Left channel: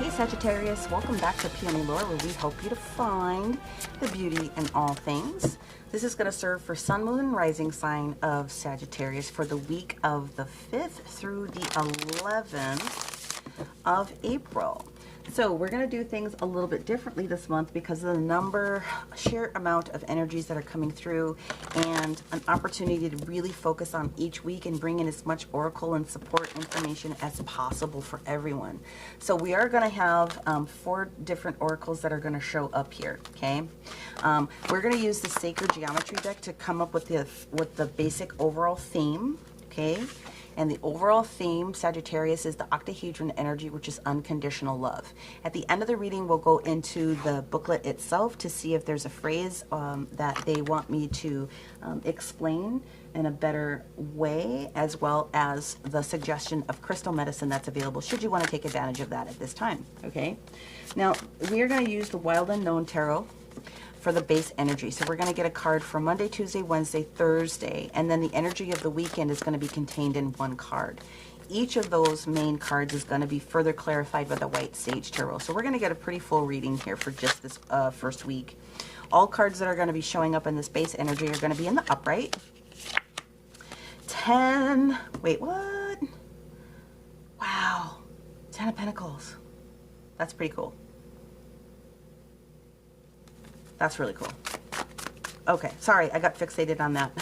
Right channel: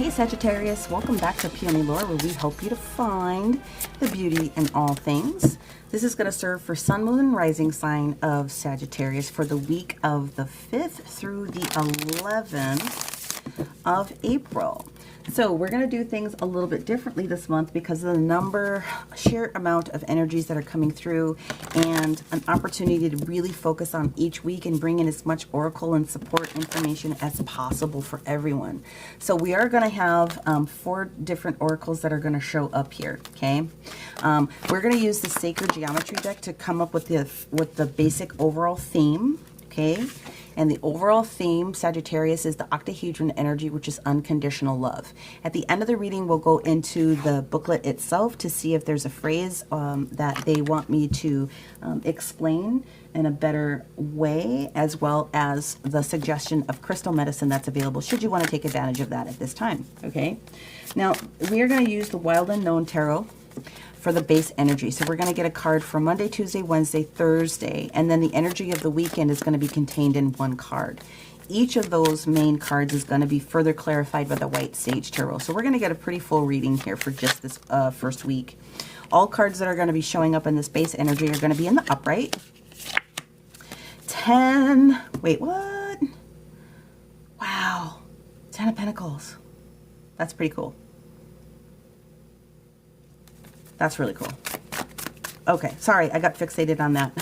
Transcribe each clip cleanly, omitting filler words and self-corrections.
Hey Sagittarius, welcome back to PeonyLore, where we help you to find the beauty in all things. This is going to serve for Sun, Moon, and Rising sign of Sagittarius for the week of the 5th through the 11th of April. So we're going to do things a little bit differently this month because of the sheer amount of energies that are coming through, and an opportunity to really focus on each week and bring in as much oracle and support information as possible for everyone. So we are going to have 4 different oracles that are going to show up here. Okay, we're going to use the Sacred Geometry deck to come up with the basic overall theme. Okay. And the overall theme, Sagittarius, is the octahedron energy, which is unconditional love. At the end of the reading, we'll go into the booklet itself to see if there's a phrase that they want me to explain in a better way, as well as the suggestion of crystal medicine that's available, should you want to take advantage of that at this time. Okay? Now, we are going to use the Wild Unknown Tarot for the base energy. So we're going to get a card for Monday, Tuesday, Wednesday, Thursday, and then the energy of the weekend is going to be contained in one card. Each of those main cards is going to be further clarified by the White Sage Tarot. So we're going to get a pretty full reading here for just this first week. All cards that are going to be showing up in this base energy are going to be in the upright. 10, wait, what? Wow, 10 of Pentacles. That's pretty cool. That's really cool. Okay, sorry, I got fixated on that.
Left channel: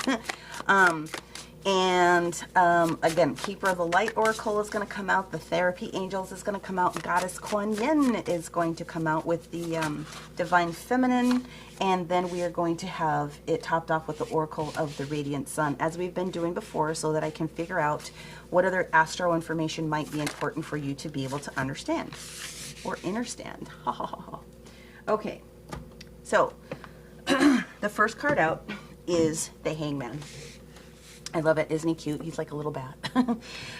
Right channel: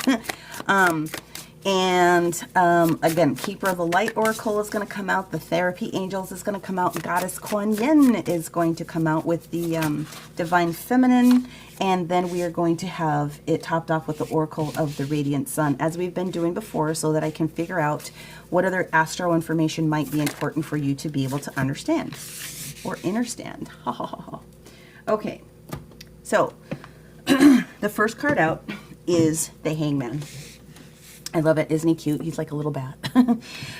Again, Keeper of the Light Oracle is going to come out. The Therapy Angels is going to come out. Goddess Kuan Yin is going to come out with the Divine Feminine. And then we are going to have it topped off with the Oracle of the Radiant Sun, as we've been doing before, so that I can figure out what other astro information might be important for you to be able to understand or understand. Ha ha ha ha. Okay. So, the first card out is the Hangman. I love it. Isn't he cute? He's like a little bat.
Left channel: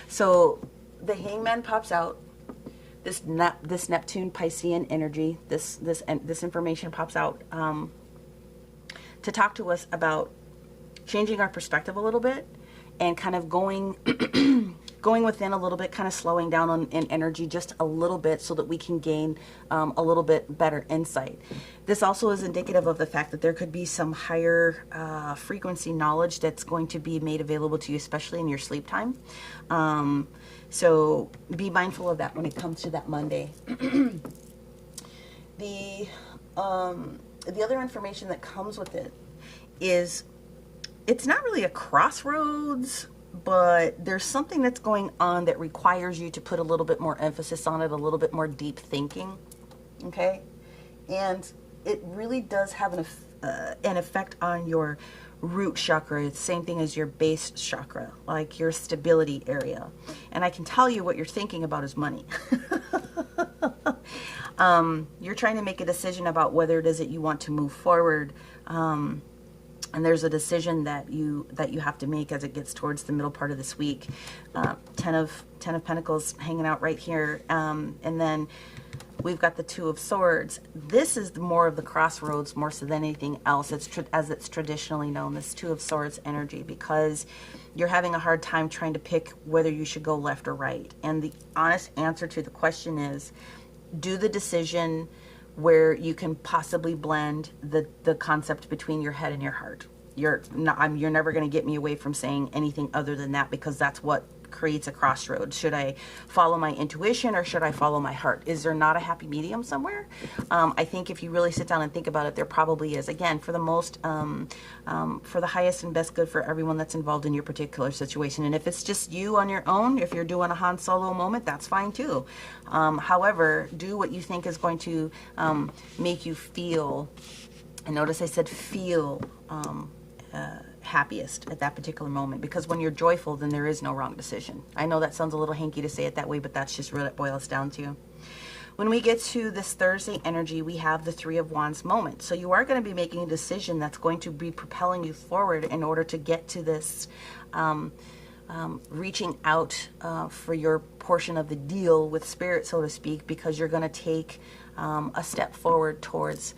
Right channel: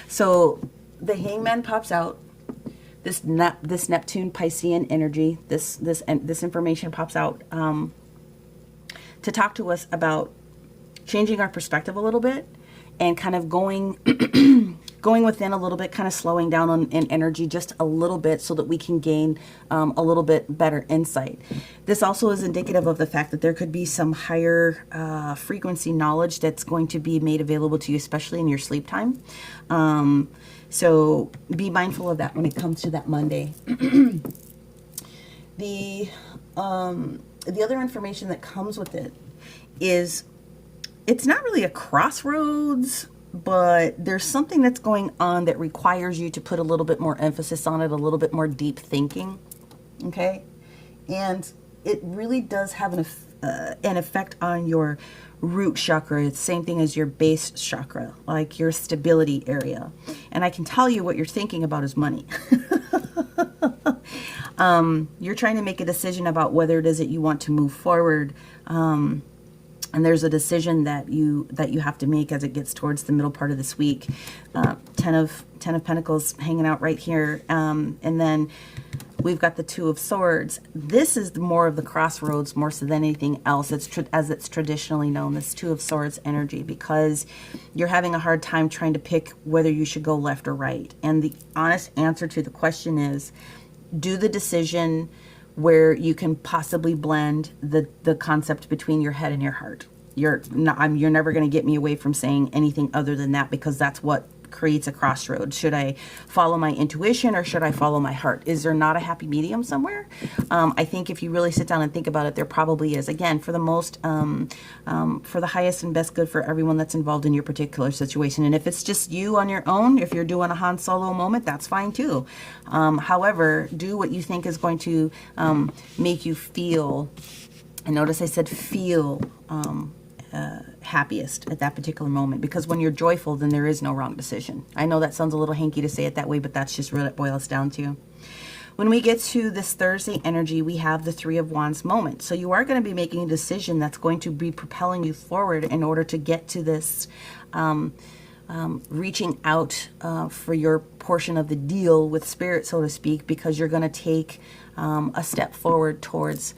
So, the Hangman pops out. This Neptune Piscean energy, this information pops out to talk to us about changing our perspective a little bit and kind of going within a little bit, kind of slowing down in energy just a little bit so that we can gain a little bit better insight. This also is indicative of the fact that there could be some higher frequency knowledge that's going to be made available to you, especially in your sleep time. So be mindful of that when it comes to that Monday. The other information that comes with it is, it's not really a crossroads, but there's something that's going on that requires you to put a little bit more emphasis on it, a little bit more deep thinking, okay? And it really does have an effect on your root chakra. It's the same thing as your base chakra, like your stability area. And I can tell you what you're thinking about is money. You're trying to make a decision about whether it is that you want to move forward, and there's a decision that you have to make as it gets towards the middle part of this week. 10 of Pentacles hanging out right here, and then we've got the 2 of Swords. This is more of the crossroads more so than anything else. As it's traditionally known, this 2 of Swords energy, because you're having a hard time trying to pick whether you should go left or right. And the honest answer to the question is, do the decision where you can possibly blend the concept between your head and your heart. You're never going to get me away from saying anything other than that, because that's what creates a crossroad. Should I follow my intuition or should I follow my heart? Is there not a happy medium somewhere? I think if you really sit down and think about it, there probably is. Again, for the most, for the highest and best good for everyone that's involved in your particular situation. And if it's just you on your own, if you're doing a Han Solo moment, that's fine too. However, do what you think is going to make you feel, and notice I said feel, happiest at that particular moment, because when you're joyful, then there is no wrong decision. I know that sounds a little hanky to say it that way, but that's just what it boils down to. When we get to this Thursday energy, we have the 3 of Wands moment. So you are going to be making a decision that's going to be propelling you forward in order to get to this reaching out for your portion of the deal with Spirit, so to speak, because you're going to take a step forward towards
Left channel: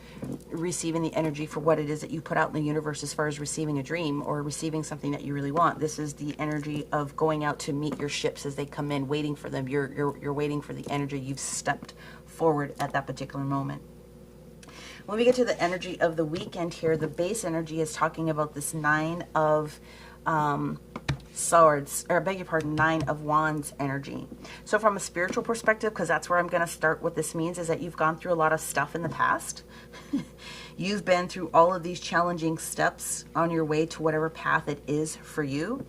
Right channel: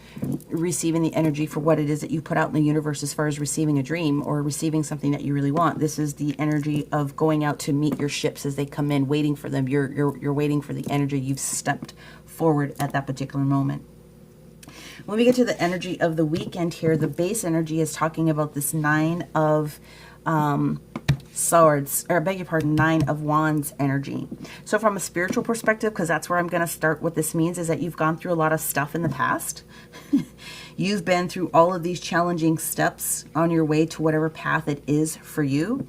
receiving the energy for what it is that you put out in the universe as far as receiving a dream or receiving something that you really want. This is the energy of going out to meet your ships as they come in, waiting for them. You're waiting for the energy. You've stepped forward at that particular moment. When we get to the energy of the weekend here, the base energy is talking about this Nine of Swords, or I beg your pardon, Nine of Wands energy. So from a spiritual perspective, because that's where I'm going to start, what this means is that you've gone through a lot of stuff in the past. You've been through all of these challenging steps on your way to whatever path it is for you.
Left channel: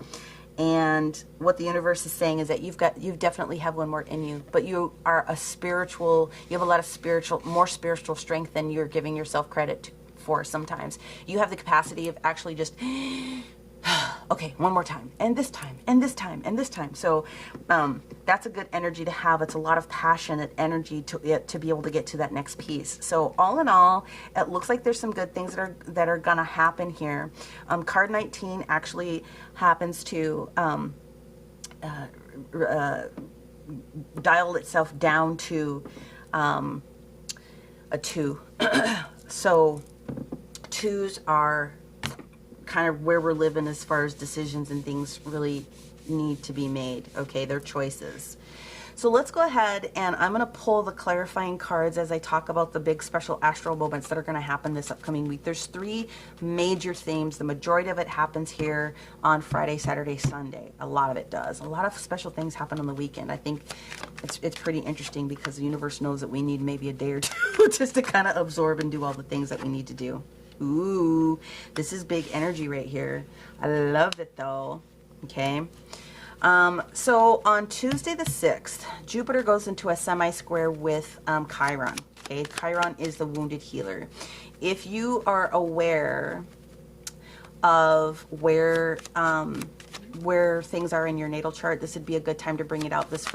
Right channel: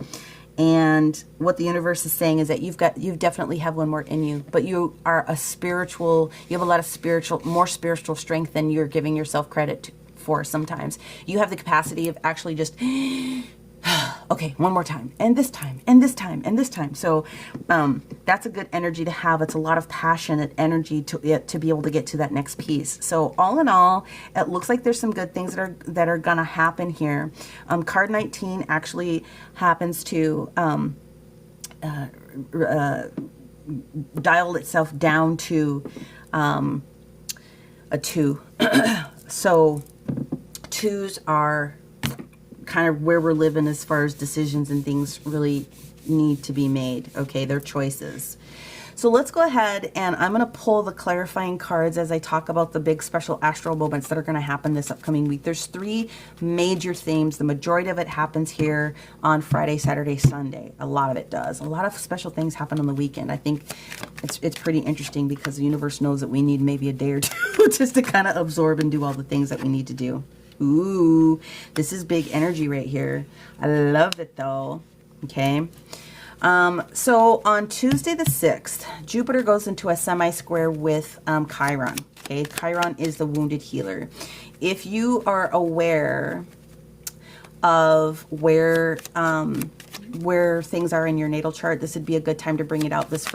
And what the universe is saying is that you definitely have one more in you, but you are a spiritual, you have a lot of more spiritual strength than you're giving yourself credit for sometimes. You have the capacity of actually just, okay, one more time, and this time, and this time, and this time. So that's a good energy to have. It's a lot of passionate energy to be able to get to that next piece. So all in all, it looks like there's some good things that are gonna happen here. Card 19 actually happens to dial itself down to a 2. So 2s are kind of where we're living as far as decisions and things really need to be made. Okay, they're choices. So let's go ahead and I'm going to pull the clarifying cards as I talk about the big special astral moments that are going to happen this upcoming week. There's 3 major themes. The majority of it happens here on Friday, Saturday, Sunday. A lot of it does. A lot of special things happen on the weekend. I think it's pretty interesting because the universe knows that we need maybe a day or 2 just to kind of absorb and do all the things that we need to do. Ooh, this is big energy right here. I love it though. Okay. So on Tuesday the 6th, Jupiter goes into a semi-square with Chiron. Okay, Chiron is the wounded healer. If you are aware of where things are in your natal chart, this would be a good time to bring it out this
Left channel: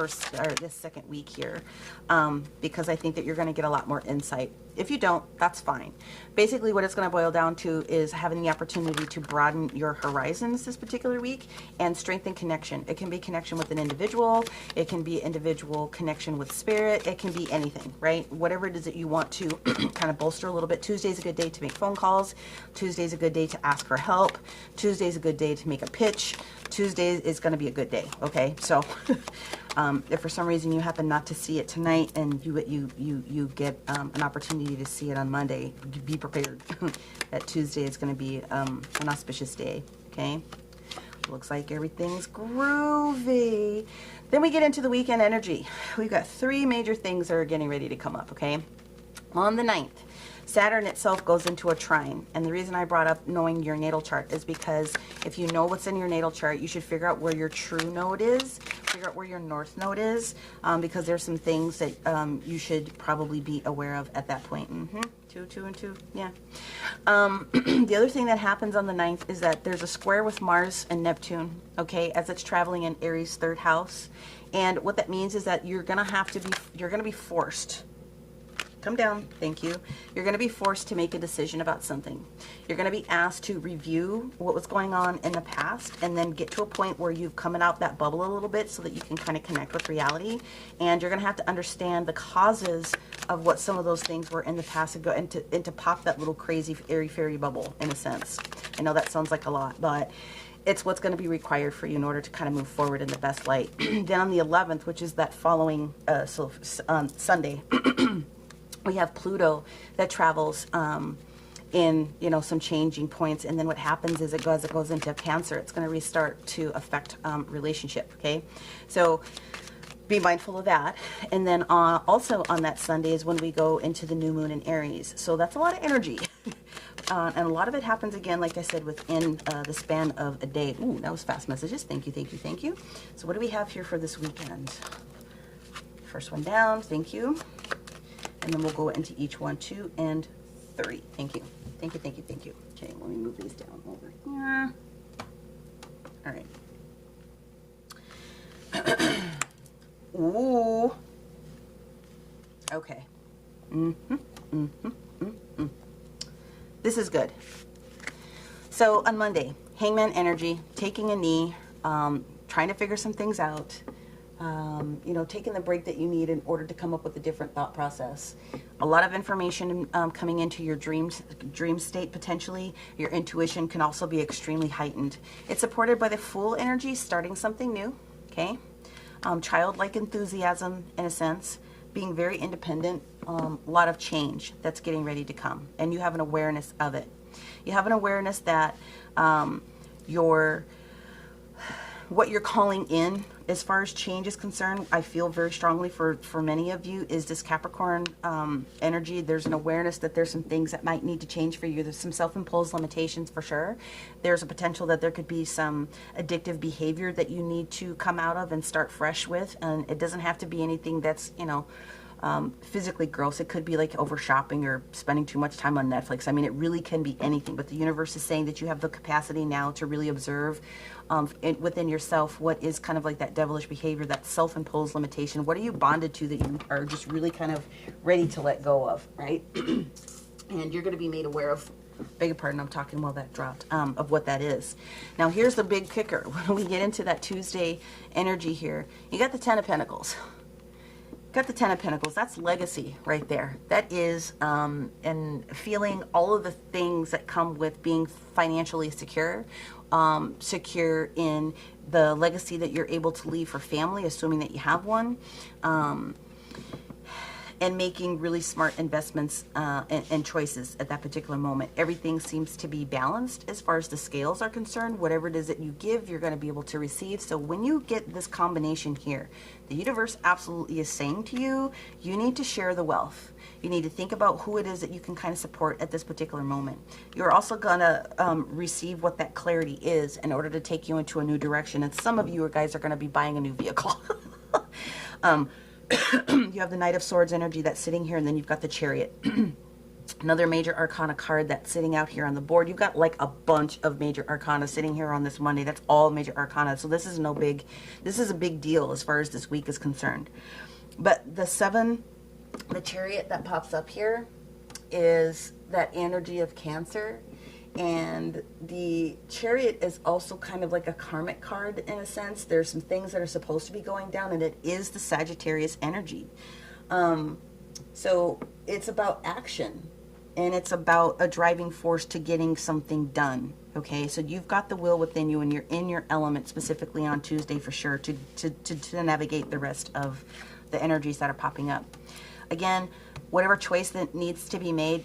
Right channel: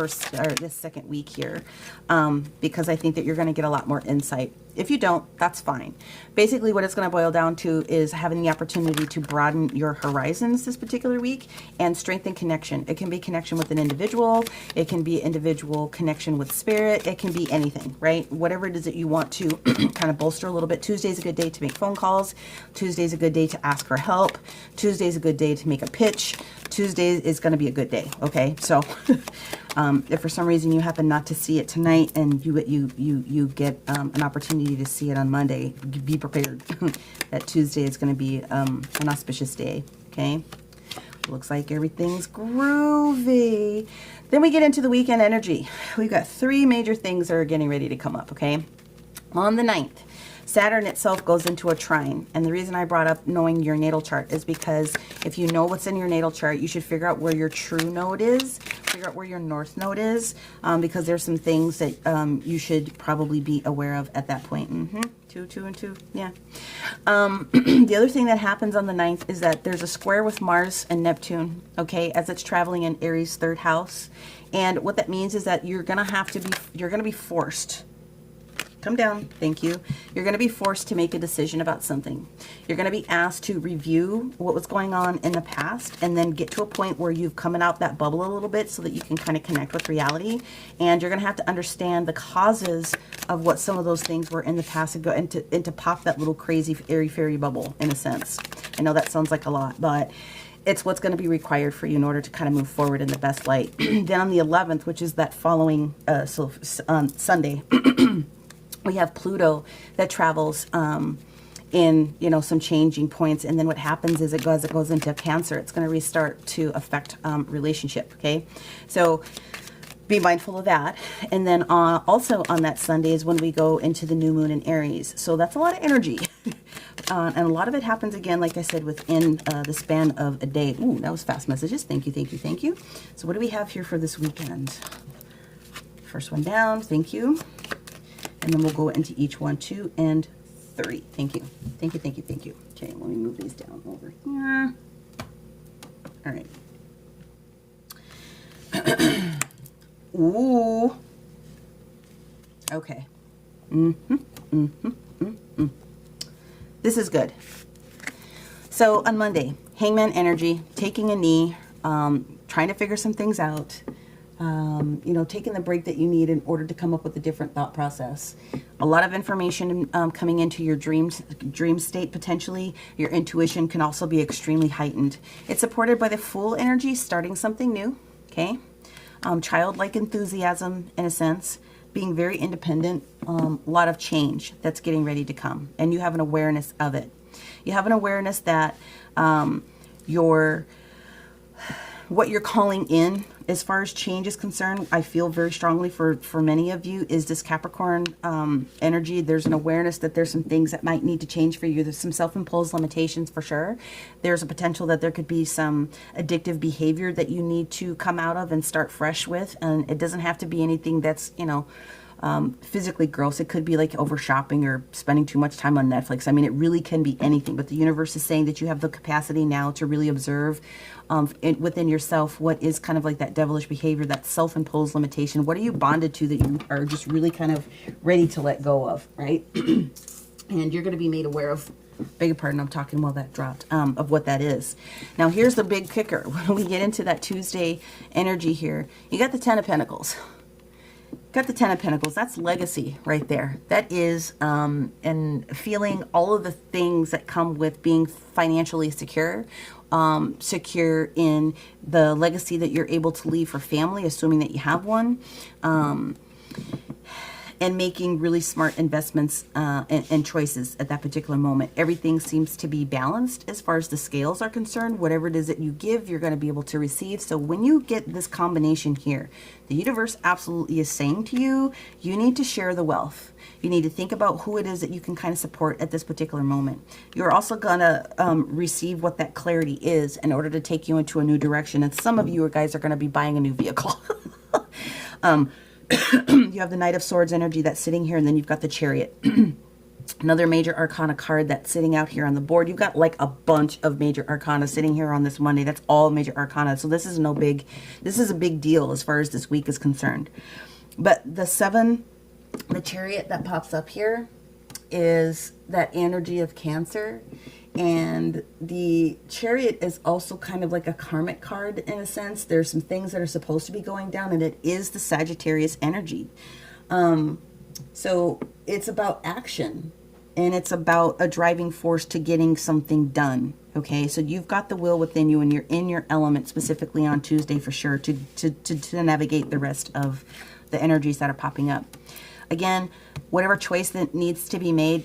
second week here, because I think that you're going to get a lot more insight. If you don't, that's fine. Basically, what it's going to boil down to is having the opportunity to broaden your horizons this particular week and strengthen connection. It can be connection with an individual. It can be individual connection with spirit. It can be anything, right? Whatever it is that you want to kind of bolster a little bit. Tuesday's a good day to make phone calls. Tuesday's a good day to ask for help. Tuesday's a good day to make a pitch. Tuesday is going to be a good day, okay? So if for some reason you happen not to see it tonight and you get an opportunity to see it on Monday, be prepared that Tuesday is going to be an auspicious day, okay? Looks like everything's groovy. Then we get into the weekend energy. We've got 3 major things that are getting ready to come up, okay? On the 9th, Saturn itself goes into a trine. And the reason I brought up knowing your natal chart is because if you know what's in your natal chart, you should figure out where your true node is, figure out where your north node is, because there's some things that you should probably be aware of at that point. 2 and 2, yeah. The other thing that happens on the 9th is that there's a square with Mars and Neptune, okay, as it's traveling in Aries' 3rd house. And what that means is that you're going to be forced. Come down. Thank you. You're going to be forced to make a decision about something. You're going to be asked to review what was going on in the past and then get to a point where you've come out that bubble a little bit so that you can kind of connect with reality. And you're going to have to understand the causes of what some of those things were in the past and go into pop that little crazy airy-fairy bubble in a sense. I know that sounds like a lot, but it's what's going to be required for you in order to kind of move forward in the best light. Then on the 11th, which is that following Sunday, we have Pluto that travels in, some changing points. And then what happens is it goes into Cancer. It's going to restart to affect relationship, okay? So be mindful of that. And then also on that Sunday is when we go into the new moon in Aries. So that's a lot of energy. And a lot of it happens, again, like I said, within the span of a day. Ooh, that was fast messages. Thank you, thank you, thank you. So what do we have here for this weekend? First one down. Thank you. And then we'll go into each 1, 2, and 3. Thank you. Thank you, thank you, thank you. Okay, let me move these down over here. All right. Ooh. Okay. This is good. So on Monday, Hangman energy, taking a knee, trying to figure some things out. Taking the break that you need in order to come up with a different thought process. A lot of information coming into your dream state potentially. Your intuition can also be extremely heightened. It's supported by the Fool energy, starting something new, okay? Childlike enthusiasm in a sense, being very independent, a lot of change that's getting ready to come, and you have an awareness of it. You have an awareness that what you're calling in as far as change is concerned, I feel very strongly for many of you, is this Capricorn energy. There's an awareness that there's some things that might need to change for you. There's some self-imposed limitations for sure. There's a potential that there could be some addictive behavior that you need to come out of and start fresh with. And it doesn't have to be anything that's, physically gross. It could be like over shopping or spending too much time on Netflix. I mean, it really can be anything. But the universe is saying that you have the capacity now to really observe within yourself what is kind of like that devilish behavior, that self-imposed limitation. What are you bonded to that you are just really kind of ready to let go of, right? And you're going to be made aware of, beg your pardon, I'm talking while that dropped, of what that is. Now, here's the big kicker. When we get into that Tuesday energy here, you got the Ten of Pentacles. Got the Ten of Pentacles. That's legacy right there. That is, and feeling all of the things that come with being financially secure. Secure in the legacy that you're able to leave for family, assuming that you have one, and making really smart investments and choices at that particular moment. Everything seems to be balanced as far as the scales are concerned. Whatever it is that you give, you're going to be able to receive. So when you get this combination here, the universe absolutely is saying to you, you need to share the wealth. You need to think about who it is that you can kind of support at this particular moment. You're also going to receive what that clarity is in order to take you into a new direction. And some of you guys are going to be buying a new vehicle. You have the Knight of Swords energy that's sitting here, and then you've got the Chariot. Another major arcana card that's sitting out here on the board. You've got like a bunch of major arcana sitting here on this Monday. That's all major arcana. So this is a big deal as far as this week is concerned. But the Chariot that pops up here is that energy of Cancer. And the Chariot is also kind of like a karmic card in a sense. There's some things that are supposed to be going down, and it is the Sagittarius energy. So it's about action, and it's about a driving force to getting something done. Okay, so you've got the will within you, and you're in your element specifically on Tuesday for sure to navigate the rest of the energies that are popping up. Again, whatever choice that needs to be made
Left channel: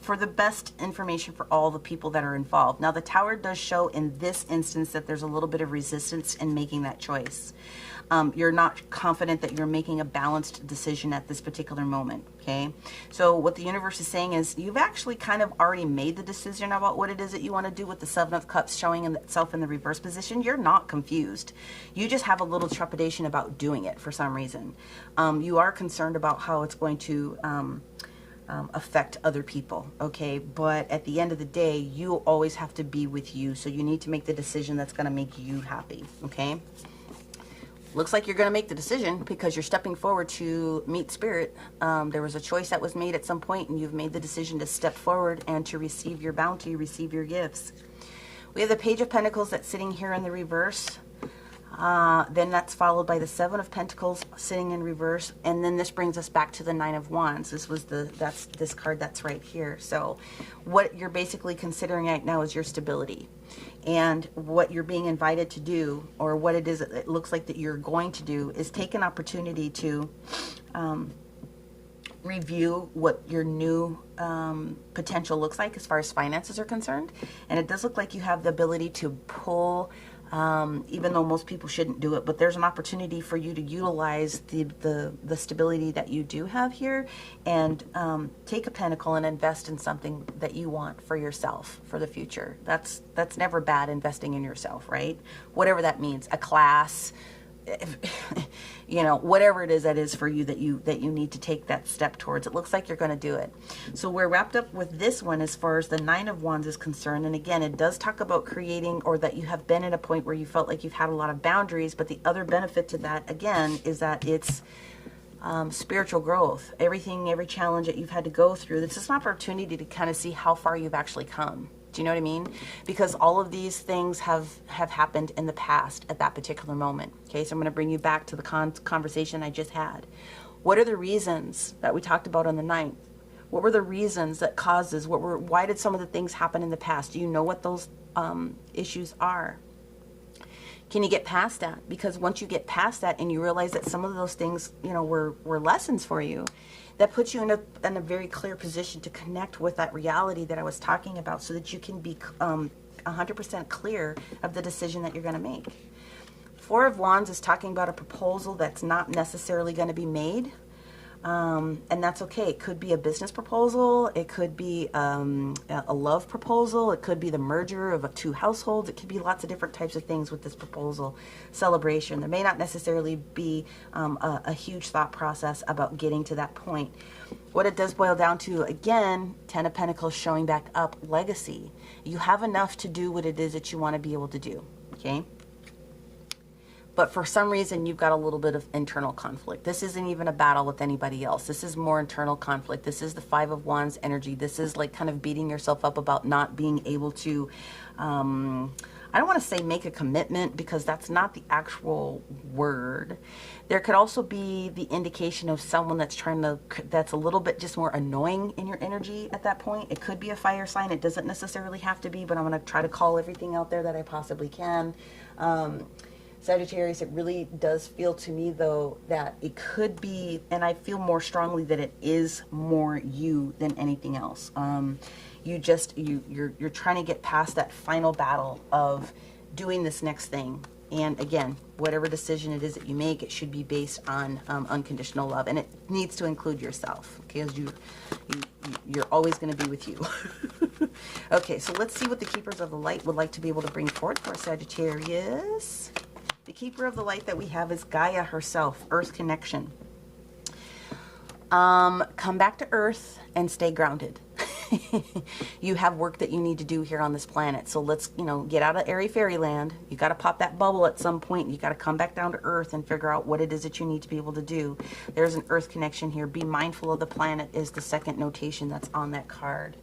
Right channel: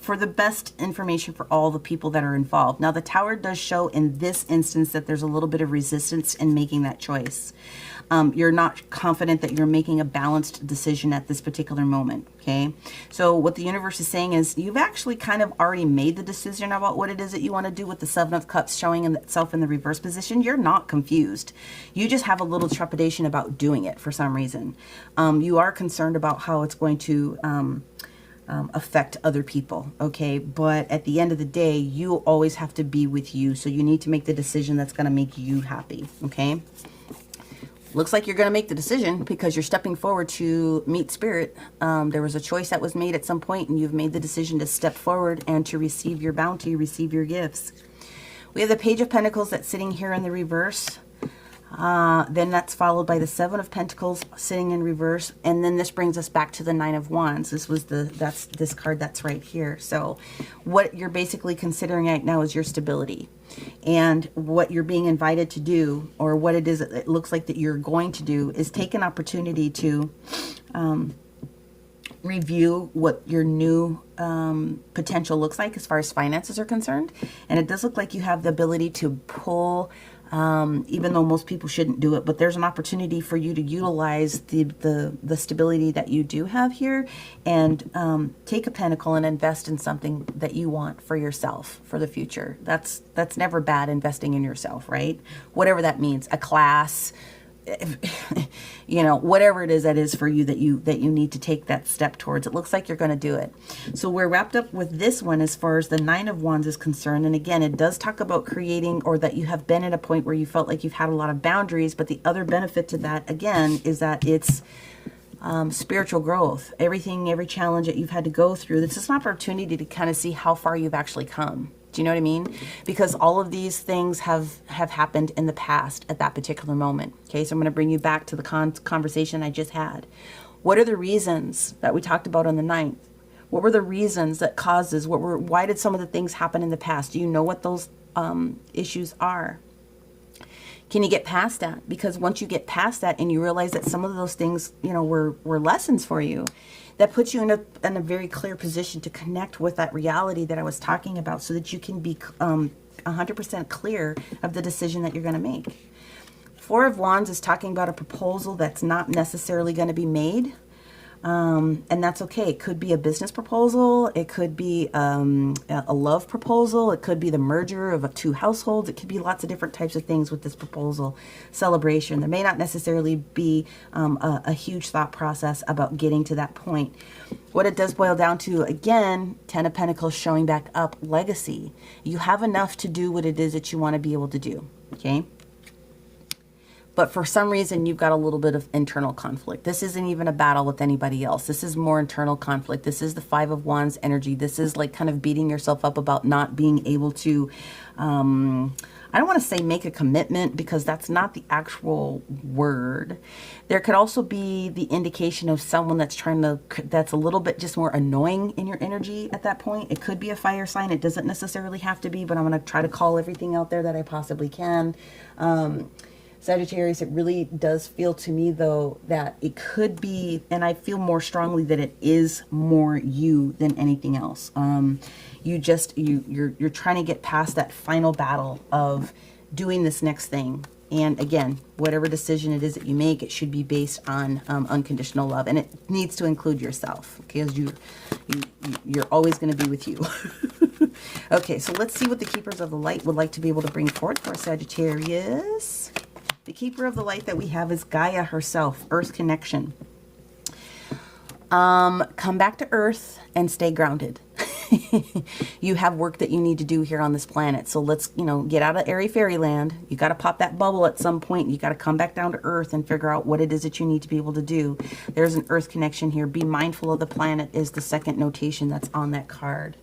for the best information for all the people that are involved. Now, the Tower does show in this instance that there's a little bit of resistance in making that choice. You're not confident that you're making a balanced decision at this particular moment, okay? So what the universe is saying is you've actually kind of already made the decision about what it is that you want to do with the Seven of Cups showing itself in the reverse position. You're not confused. You just have a little trepidation about doing it for some reason. You are concerned about how it's going to affect other people, okay? But at the end of the day, you always have to be with you, so you need to make the decision that's going to make you happy, okay? Looks like you're going to make the decision because you're stepping forward to meet spirit. There was a choice that was made at some point, and you've made the decision to step forward and to receive your bounty, receive your gifts. We have the Page of Pentacles that's sitting here in the reverse. Then that's followed by the Seven of Pentacles sitting in reverse, and then this brings us back to the Nine of Wands. That's this card that's right here. So what you're basically considering right now is your stability, and what you're being invited to do, or what it is it looks like that you're going to do, is take an opportunity to review what your new potential looks like as far as finances are concerned. And it does look like you have the ability to pull, even though most people shouldn't do it, but there's an opportunity for you to utilize the stability that you do have here, and take a pentacle and invest in something that you want for yourself for the future. That's never bad, investing in yourself, right? Whatever that means, a class, whatever it is that is for you that you need to take that step towards. It looks like you're going to do it. So we're wrapped up with this one as far as the Nine of Wands is concerned. And again, it does talk about creating, or that you have been at a point where you felt like you've had a lot of boundaries. But the other benefit to that, again, is that it's spiritual growth. Every challenge that you've had to go through, this is an opportunity to kind of see how far you've actually come. Do you know what I mean? Because all of these things have happened in the past at that particular moment. Okay, so I'm going to bring you back to the conversation I just had. What are the reasons that we talked about on the 9th? What were the reasons that causes? Why did some of the things happen in the past? Do you know what those issues are? Can you get past that? Because once you get past that and you realize that some of those things, you know, were lessons for you, that puts you in a very clear position to connect with that reality that I was talking about, so that you can be 100% clear of the decision that you're going to make. Four of Wands is talking about a proposal that's not necessarily going to be made. And that's okay. It could be a business proposal. It could be a love proposal. It could be the merger of two households. It could be lots of different types of things with this proposal celebration. There may not necessarily be a huge thought process about getting to that point. What it does boil down to, again, Ten of Pentacles showing back up, legacy. You have enough to do what it is that you want to be able to do, okay? But for some reason, you've got a little bit of internal conflict. This isn't even a battle with anybody else. This is more internal conflict. This is the Five of Wands energy. This is like kind of beating yourself up about not being able to, I don't want to say make a commitment, because that's not the actual word. There could also be the indication of someone that's that's a little bit just more annoying in your energy at that point. It could be a fire sign. It doesn't necessarily have to be, but I'm going to try to call everything out there that I possibly can. Sagittarius, it really does feel to me, though, that it could be, and I feel more strongly that it is more you than anything else. You're trying to get past that final battle of doing this next thing. And again, whatever decision it is that you make, it should be based on unconditional love, and it needs to include yourself, okay? Because you're always going to be with you. Okay, so let's see what the Keepers of the Light would like to be able to bring forth for Sagittarius. The Keeper of the Light that we have is Gaia herself, Earth connection. Come back to Earth and stay grounded. You have work that you need to do here on this planet. So let's, get out of airy fairyland. You got to pop that bubble at some point. You got to come back down to Earth and figure out what it is that you need to be able to do. There's an Earth connection here. Be mindful of the planet is the second notation that's on that card.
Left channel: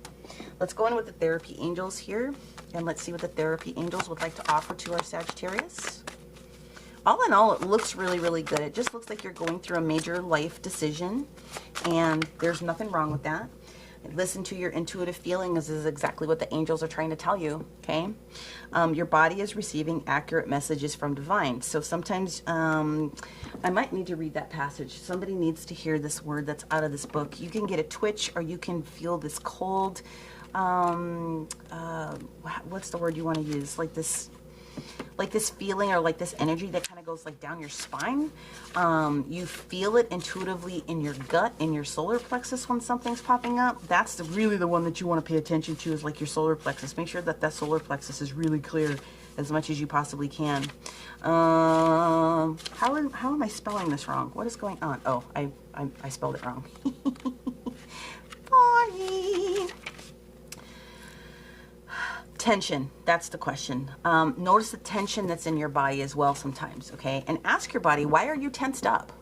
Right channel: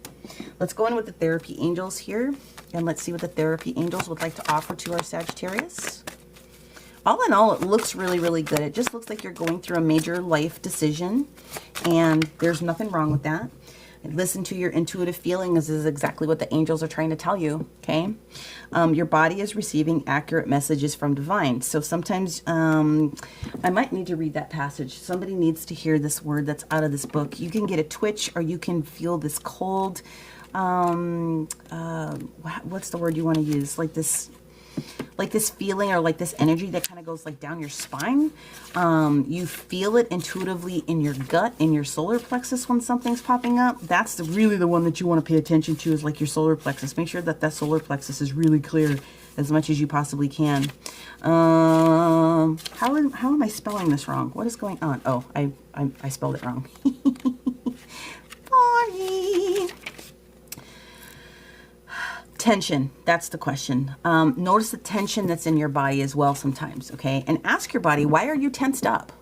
Let's go in with the therapy angels here, and let's see what the therapy angels would like to offer to our Sagittarius. All in all, it looks really, really good. It just looks like you're going through a major life decision, and there's nothing wrong with that. Listen to your intuitive feelings. This is exactly what the angels are trying to tell you, okay? Your body is receiving accurate messages from Divine. So sometimes I might need to read that passage. Somebody needs to hear this word that's out of this book. You can get a twitch, or you can feel this cold, what's the word you want to use? Like this feeling, or like this energy that kind of goes like down your spine. You feel it intuitively in your gut, in your solar plexus when something's popping up. That's really the one that you want to pay attention to, is like your solar plexus. Make sure that that solar plexus is really clear as much as you possibly can. How am I spelling this wrong? What is going on? Oh, I spelled it wrong. Sorry. Tension, that's the question. Notice the tension that's in your body as well sometimes, okay? And ask your body, why are you tensed up?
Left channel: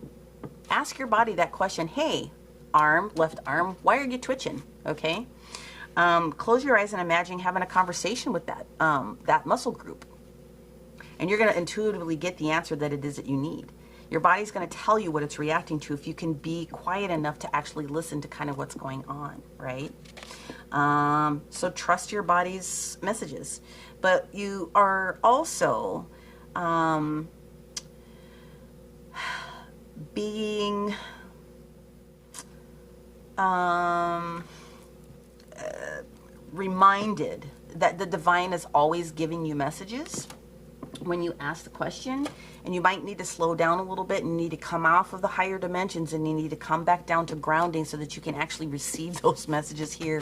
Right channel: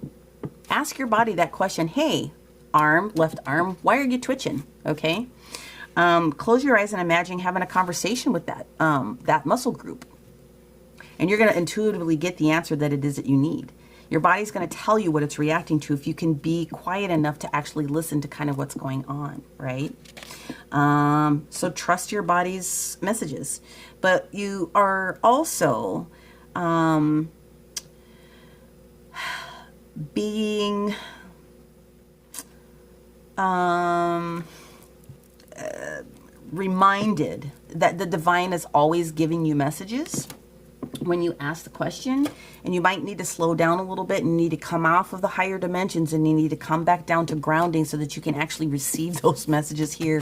Ask your body that question. Hey, arm, left arm, why are you twitching, okay? Close your eyes and imagine having a conversation with that muscle group. And you're going to intuitively get the answer that it is that you need. Your body's going to tell you what it's reacting to if you can be quiet enough to actually listen to kind of what's going on, right? So trust your body's messages, but you are also, being, reminded that the divine is always giving you messages when you ask the question, and you might need to slow down a little bit and need to come off of the higher dimensions, and you need to come back down to grounding so that you can actually receive those messages here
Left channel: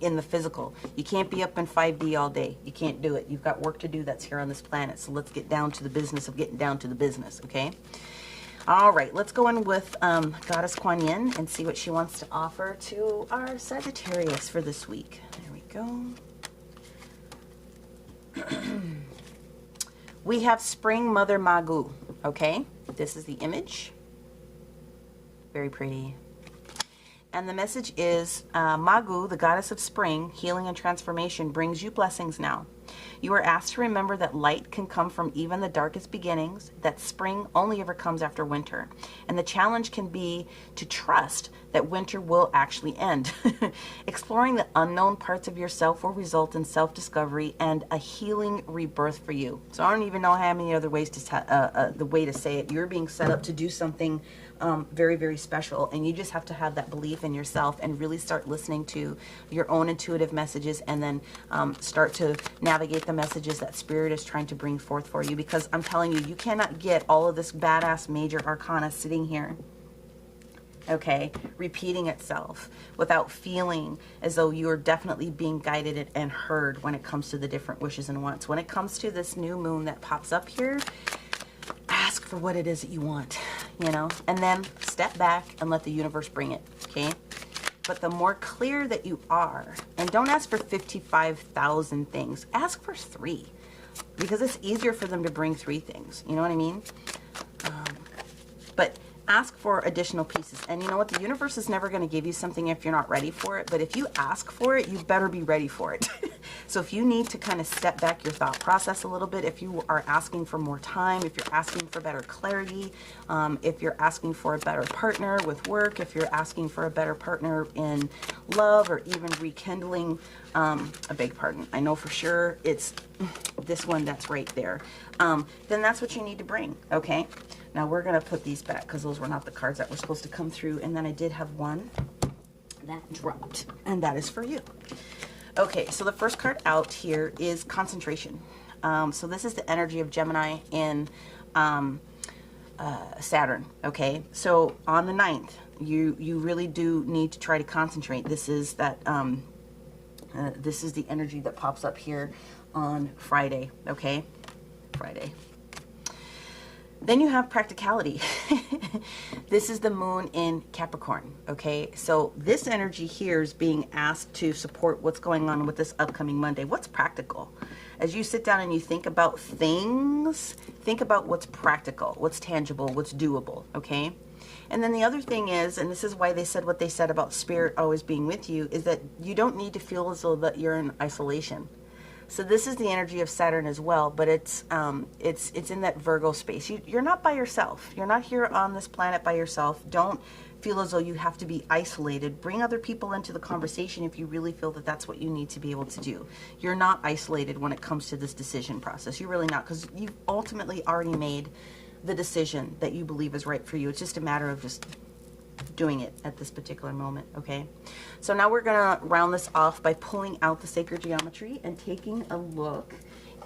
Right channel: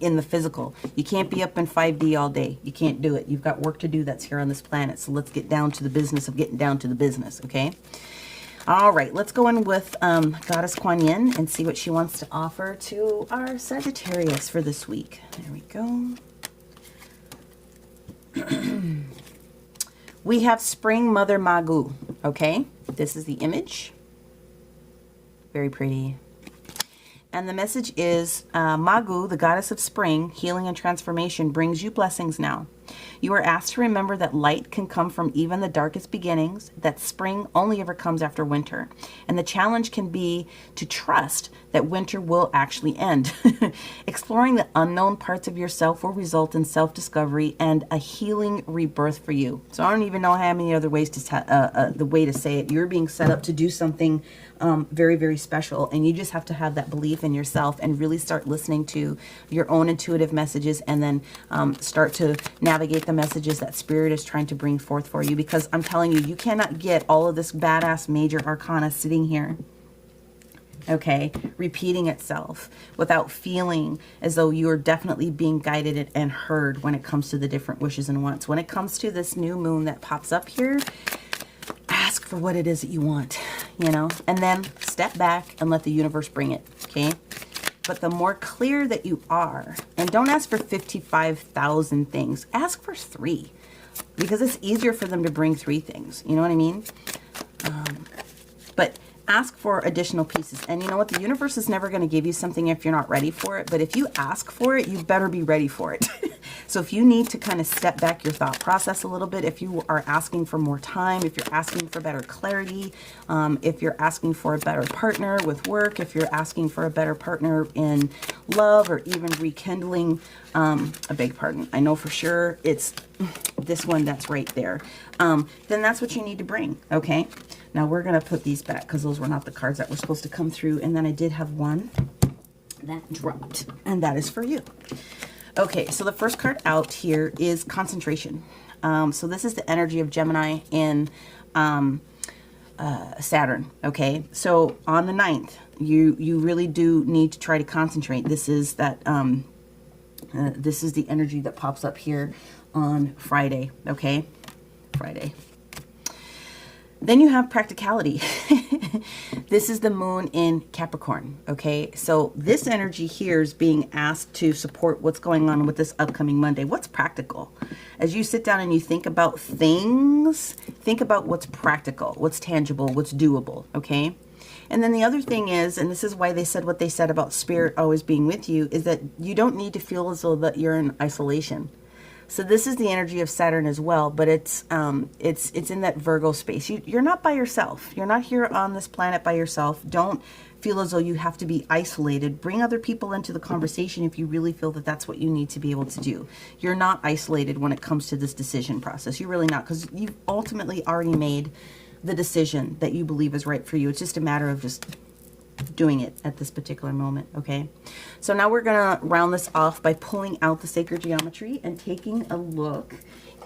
in the physical. You can't be up in 5D all day. You can't do it. You've got work to do that's here on this planet. So let's get down to the business of getting down to the business, okay? All right, let's go in with Goddess Kuan Yin and see what she wants to offer to our Sagittarius for this week. There we go. We have Spring Mother Magu, okay? This is the image. Very pretty. And the message is, Magu, the goddess of spring, healing and transformation, brings you blessings now. You are asked to remember that light can come from even the darkest beginnings, that spring only ever comes after winter. And the challenge can be to trust that winter will actually end. Exploring the unknown parts of yourself will result in self-discovery and a healing rebirth for you. So I don't even know how many other ways to the way to say it. You're being set up to do something very, very special, and you just have to have that belief in yourself and really start listening to your own intuitive messages, and then start to navigate the messages that Spirit is trying to bring forth for you, because I'm telling you, you cannot get all of this badass major arcana sitting here, okay, repeating itself without feeling as though you're definitely being guided and heard when it comes to the different wishes and wants. When it comes to this new moon that pops up here, ask for what it is that you want, you know, and then step back and let the universe bring it, okay? But the more clear that you are, and don't ask for 55,000 things, ask for 3, because it's easier for them to bring 3 things, you know what I mean? But ask for additional pieces. And you know what? The universe is never going to give you something if you're not ready for it. But if you ask for it, you better be ready for it. So if you need to kind of step back your thought process a little bit, if you are asking for more time, if you're asking for better clarity, if you're asking for a better partner with work, if you're asking for a better partner in love, or even rekindling, I beg pardon, I know for sure it's this one that's right there, then that's what you need to bring, okay? Now we're going to put these back because those were not the cards that were supposed to come through. And then I did have one that dropped, and that is for you. Okay, so the first card out here is concentration. So this is the energy of Gemini in Saturn, okay? So on the 9th, you really do need to try to concentrate. This is that, this is the energy that pops up here on Friday, okay? Friday. Then you have practicality. This is the moon in Capricorn, okay? So this energy here is being asked to support what's going on with this upcoming Monday. What's practical? As you sit down and you think about things, think about what's practical, what's tangible, what's doable, okay? And then the other thing is, and this is why they said what they said about Spirit always being with you, is that you don't need to feel as though that you're in isolation. So this is the energy of Saturn as well, but it's in that Virgo space. You're not by yourself. You're not here on this planet by yourself. Don't feel as though you have to be isolated. Bring other people into the conversation if you really feel that that's what you need to be able to do. You're not isolated when it comes to this decision process. You're really not, because you've ultimately already made the decision that you believe is right for you. It's just a matter of just doing it at this particular moment, okay? So now we're going to round this off by pulling out the sacred geometry and taking a look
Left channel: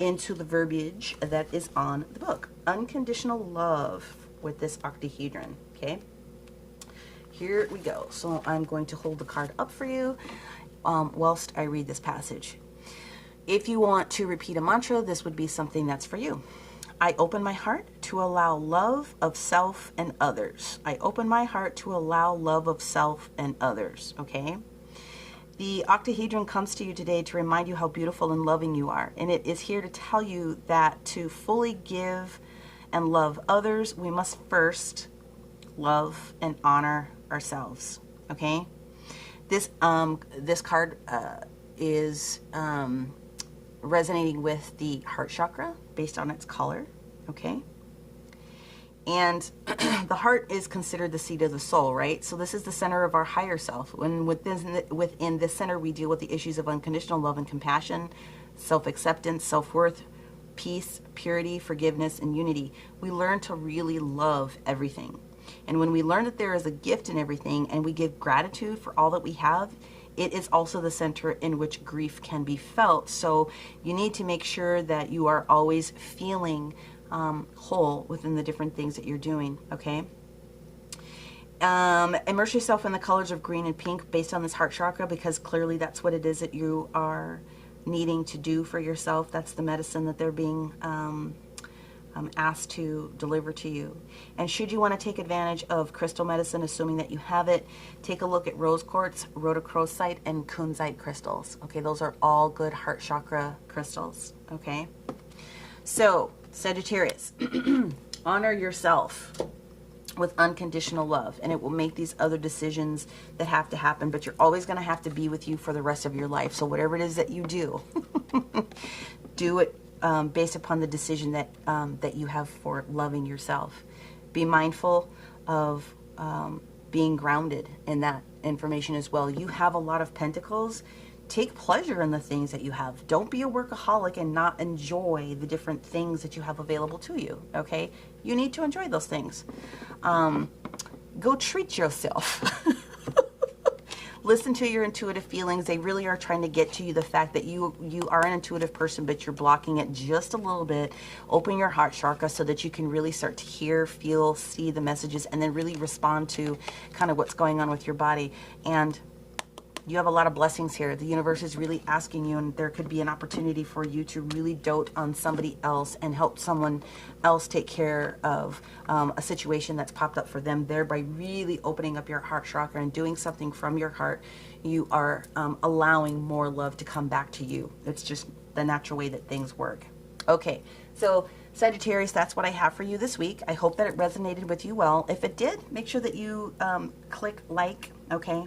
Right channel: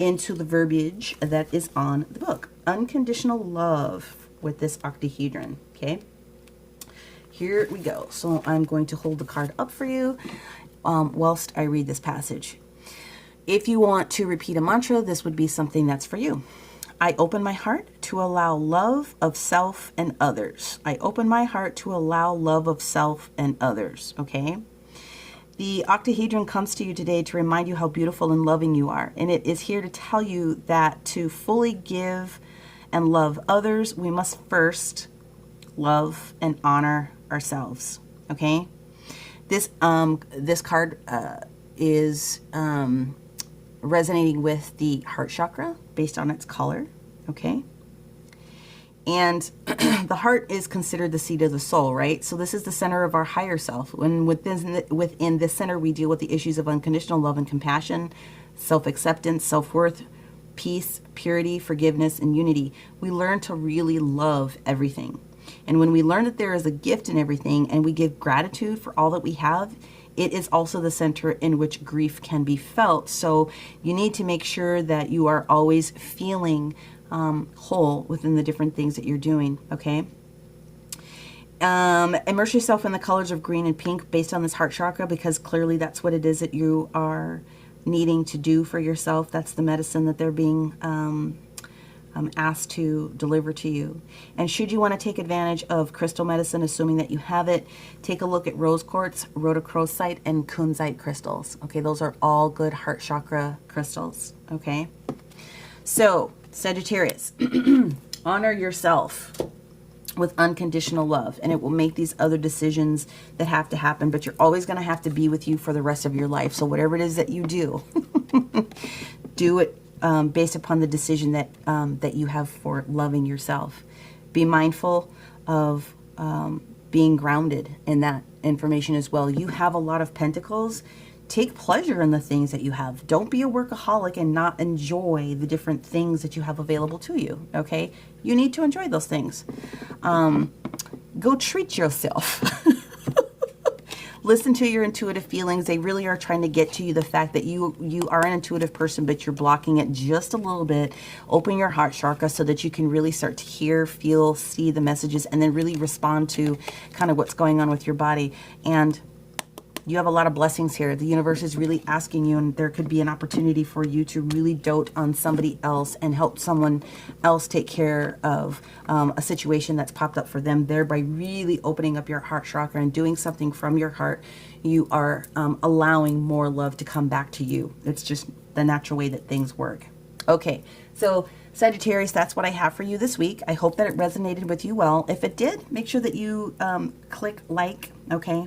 into the verbiage that is on the book. Unconditional love with this octahedron, okay? Here we go. So I'm going to hold the card up for you whilst I read this passage. If you want to repeat a mantra, this would be something that's for you. I open my heart to allow love of self and others. I open my heart to allow love of self and others, okay? The octahedron comes to you today to remind you how beautiful and loving you are. And it is here to tell you that to fully give and love others, we must first love and honor ourselves, okay? This card is resonating with the heart chakra based on its color, okay? And the heart is considered the seat of the soul, right? So this is the center of our higher self. When within this center, we deal with the issues of unconditional love and compassion, self-acceptance, self-worth, peace, purity, forgiveness, and unity. We learn to really love everything. And when we learn that there is a gift in everything and we give gratitude for all that we have, it is also the center in which grief can be felt. So you need to make sure that you are always feeling whole within the different things that you're doing, okay? Immerse yourself in the colors of green and pink based on this heart chakra, because clearly that's what it is that you are needing to do for yourself. That's the medicine that they're being asked to deliver to you. And should you want to take advantage of crystal medicine, assuming that you have it, take a look at rose quartz, rhodochrosite, and kunzite crystals. Okay, those are all good heart chakra crystals. Okay, so Sagittarius, honor yourself. with unconditional love, and it will make these other decisions that have to happen, but you're always going to have to be with you for the rest of your life. So whatever it is that you do, do it based upon the decision that that you have for loving yourself. Be mindful of being grounded in that information as well. You have a lot of pentacles. Take pleasure in the things that you have. Don't be a workaholic and not enjoy the different things that you have available to you, okay? You need to enjoy those things. Go treat yourself. Listen to your intuitive feelings. They really are trying to get to you the fact that you are an intuitive person, but you're blocking it just a little bit. Open your heart chakra so that you can really start to hear, feel, see the messages, and then really respond to kind of what's going on with your body. And you have a lot of blessings here. The universe is really asking you, and there could be an opportunity for you to really dote on somebody else and help someone else take care of a situation that's popped up for them. Thereby really opening up your heart chakra and doing something from your heart. You are allowing more love to come back to you. It's just the natural way that things work. Okay, so Sagittarius, that's what I have for you this week. I hope that it resonated with you well. If it did, make sure that you click like, okay?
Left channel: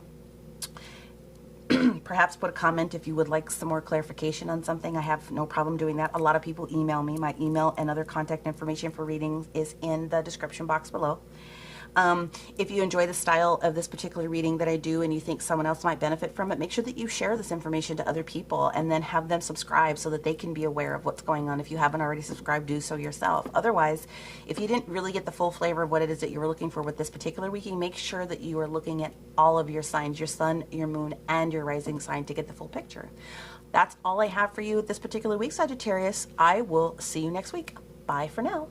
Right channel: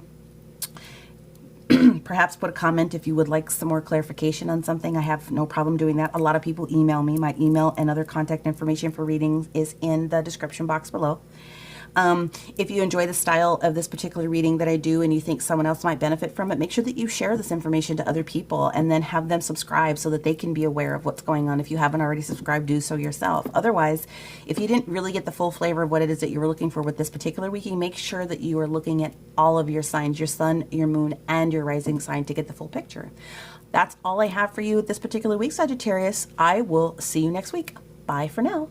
Perhaps put a comment if you would like some more clarification on something. I have no problem doing that. A lot of people email me. My email and other contact information for readings is in the description box below. If you enjoy the style of this particular reading that I do and you think someone else might benefit from it, make sure that you share this information to other people and then have them subscribe so that they can be aware of what's going on. If you haven't already subscribed, do so yourself. Otherwise, if you didn't really get the full flavor of what it is that you were looking for with this particular week, make sure that you are looking at all of your signs, your sun, your moon, and your rising sign to get the full picture. That's all I have for you this particular week, Sagittarius. I will see you next week. Bye for now.